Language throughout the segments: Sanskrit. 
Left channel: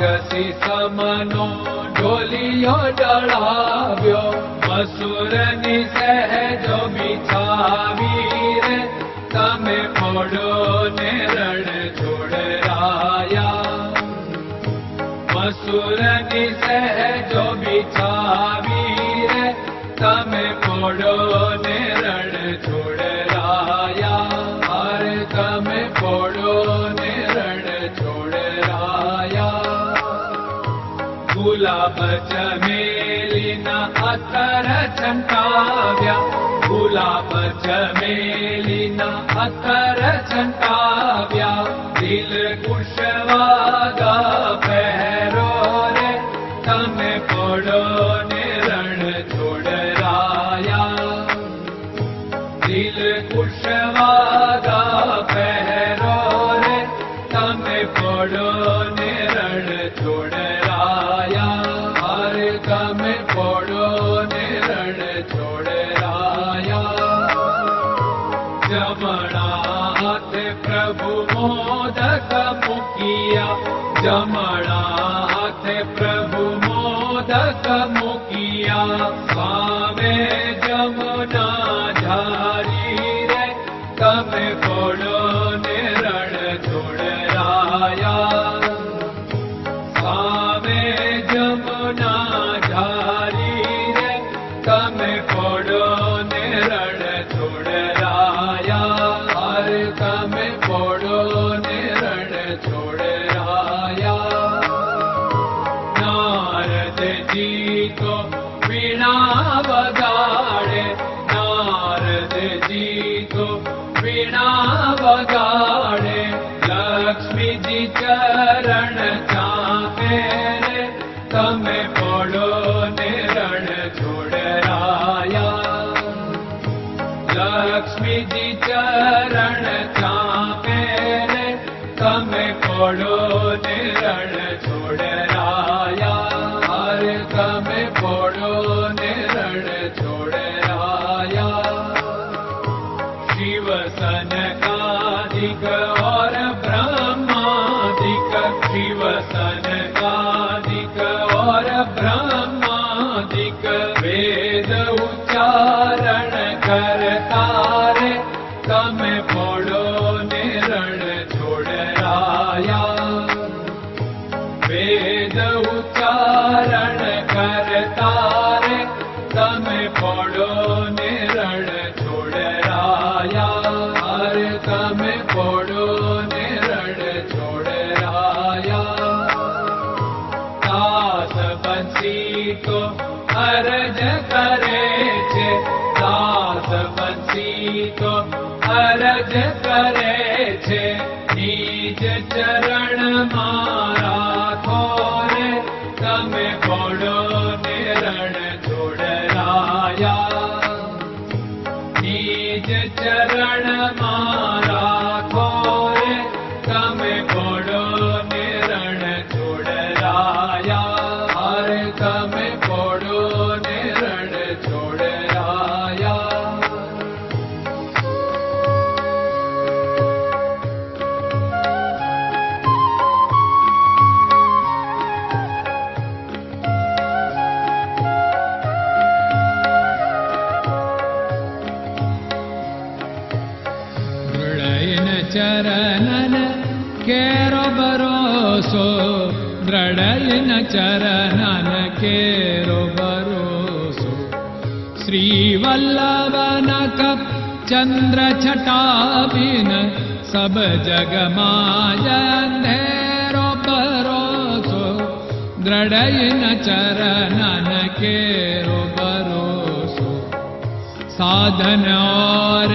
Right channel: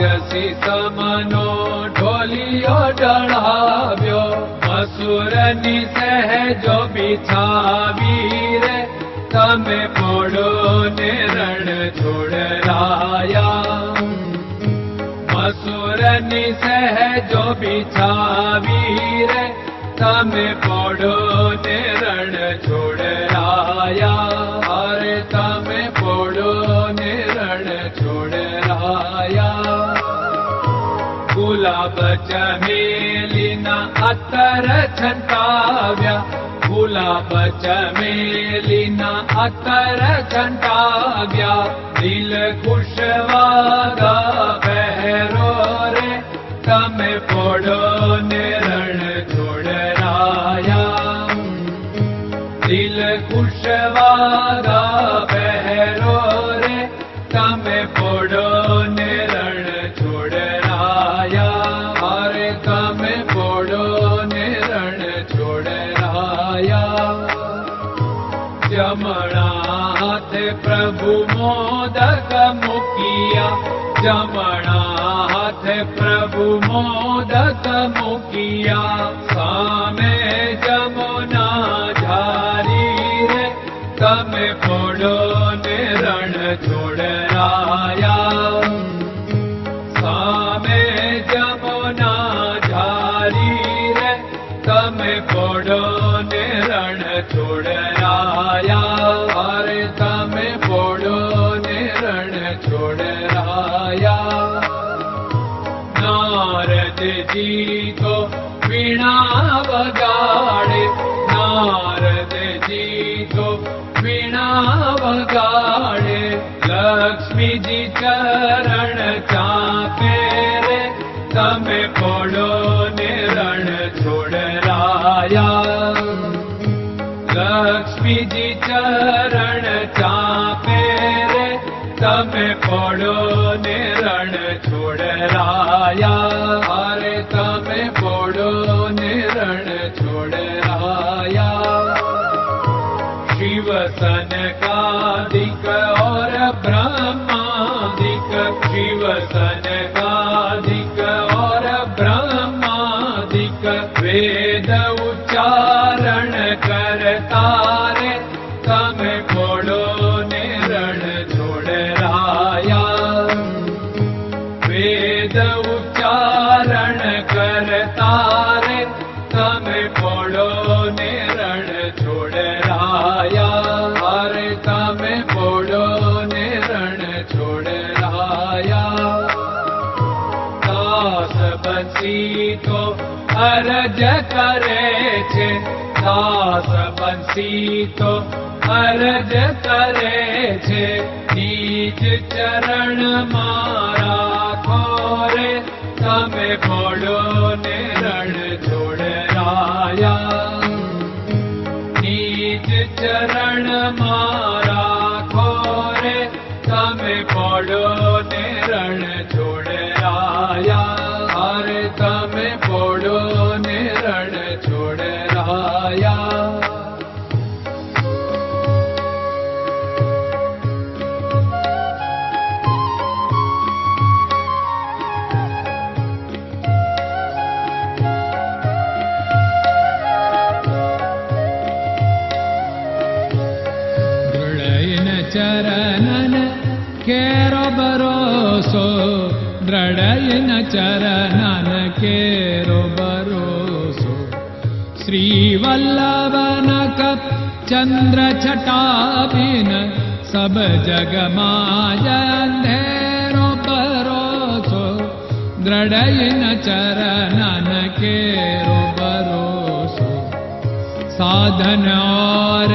राक्षसी समनो ढोलियो चढ़ाव्यो। असुर निसह जो बिछावीर। तमे पोड़ो ने रण छोड़ाया असुर निसह जो बिछावीर। तमे पोड़ो ने मेलिना अत्र भुला जलिना मणाथ प्रभु मोदक मुखिया। जनाथ प्रभु मोदक मुखिया। सामे जमुना झारी रे तमे ne अरज करे छे दास बंसी तो अरज करे छे नीच चरण मारा थोरे तमे बोलो ने रण जोड़ राया चरणन केरो बरोसो दृढयन चरणन केरो भरोसो श्रीवल्लभ चन्द्र छटाभि सब जगमाजेरो बरोसो दृढयन चरणन केरो बरोसो साधन और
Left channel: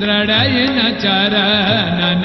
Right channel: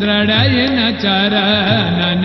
दृढयिन चरणन